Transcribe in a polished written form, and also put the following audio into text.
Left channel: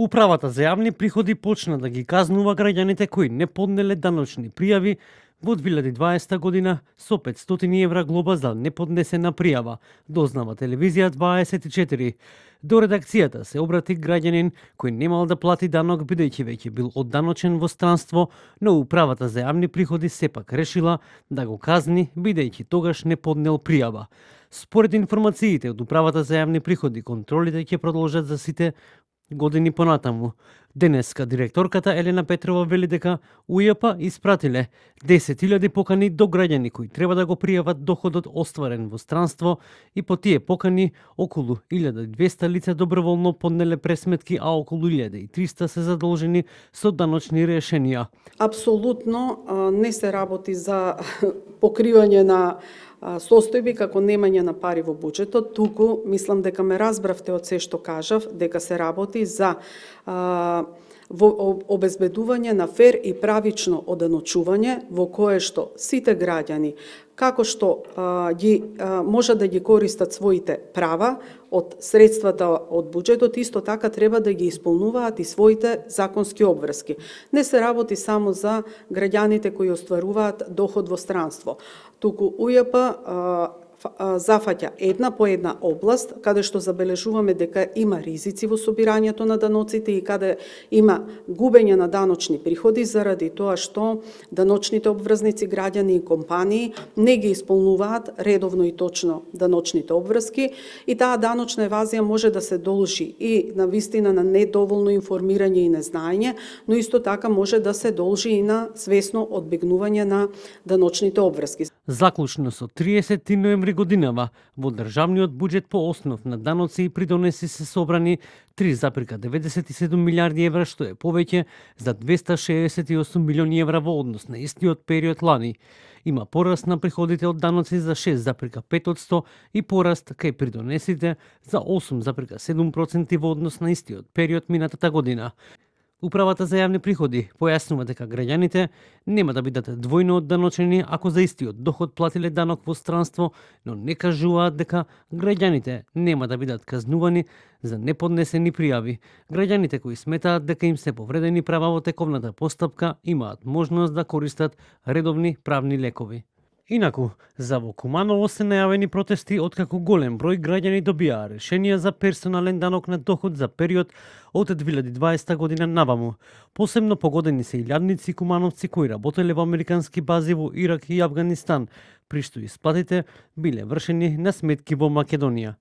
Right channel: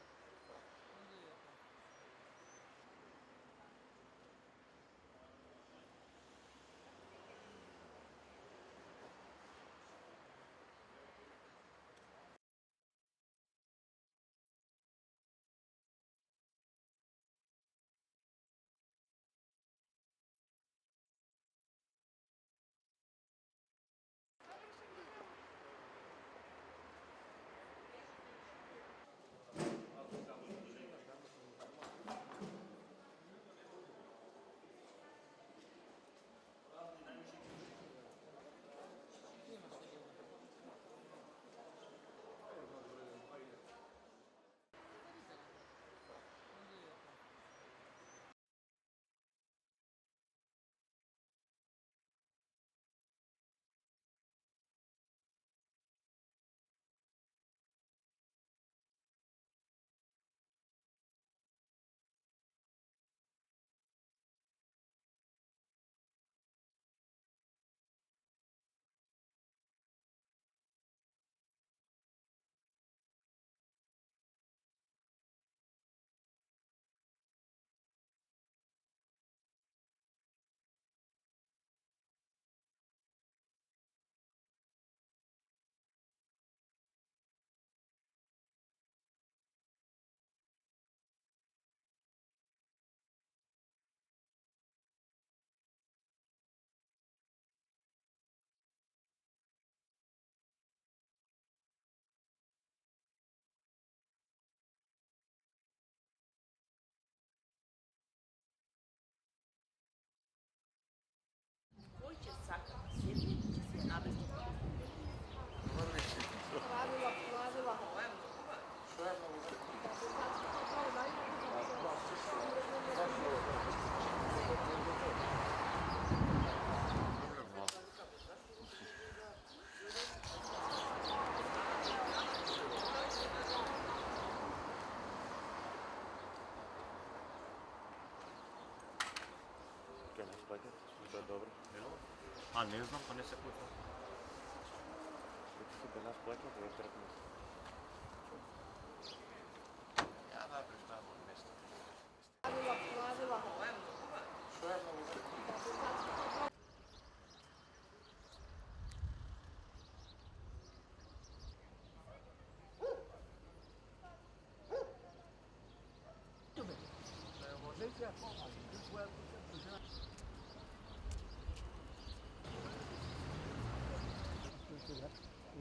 Управата за јавни приходи почна да ги казнува граѓаните кои не поднеле даночни пријави во 2020 година со 500 евра глоба за неподнесена пријава, дознава телевизија 24. До редакцијата се обрати граѓанин кој немал да плати данок бидејќи веќе бил одданочен во странство, но Управата за јавни приходи сепак решила да го казни бидејќи тогаш не поднел пријава. Според информациите од Управата за јавни приходи, контролите ќе продолжат за сите години понатаму. Денеска директорката Елена Петрова вели дека УЈП испратиле 10.000 покани до граѓани кои треба да го пријават доходот остварен во странство и по тие покани околу 1.200 лица доброволно поднеле пресметки, а околу 1.300 се задолжени со даночни решенија. Апсолутно не се работи за покривање на состојби како немање на пари во буџетот, туку мислам дека ме разбравте од се што кажав, дека се работи за во обезбедување на фер и правично оданочување во кое што сите граѓани како што може да ги користат своите права од средствата од буџетот, исто така треба да ги исполнуваат и своите законски обврски. Не се работи само за граѓаните кои остваруваат доход во странство, туку УЈП зафаќа една по една област каде што забележуваме дека има ризици во собирањето на даноците и каде има губење на даночни приходи заради тоа што даночните обврзници, граѓани и компании не ги исполнуваат редовно и точно даночните обврски и таа даночна евазија може да се должи и на вистина на недоволно информирање и незнаење, но исто така може да се должи и на свесно одбегнување на даночните обврски. Заклучно со 30 ноември годинава во државниот буџет по основ на даноци и придонеси се собрани 3,97 милиарди евра, што е повеќе за 268 милиони евра во однос на истиот период лани. Има пораст на приходите од даноци за 6,5% и пораст кај придонесите за 8,7% во однос на истиот период минатата година. Управата за јавни приходи појаснува дека граѓаните нема да бидат двојно одданочени ако за истиот доход платиле данок во странство, но не кажуваат дека граѓаните нема да бидат казнувани за неподнесени пријави. Граѓаните кои сметаат дека им се повредени права во тековната постапка имаат можност да користат редовни правни лекови. Инаку, за во Куманово се најавени протести откако голем број граѓани добија решенија за персонален данок на доход за период од 2020 година наваму. Посебно погодени се и илјадници кумановци кои работеле во американски бази во Ирак и Авганистан, при што исплатите биле вршени на сметки во Македонија.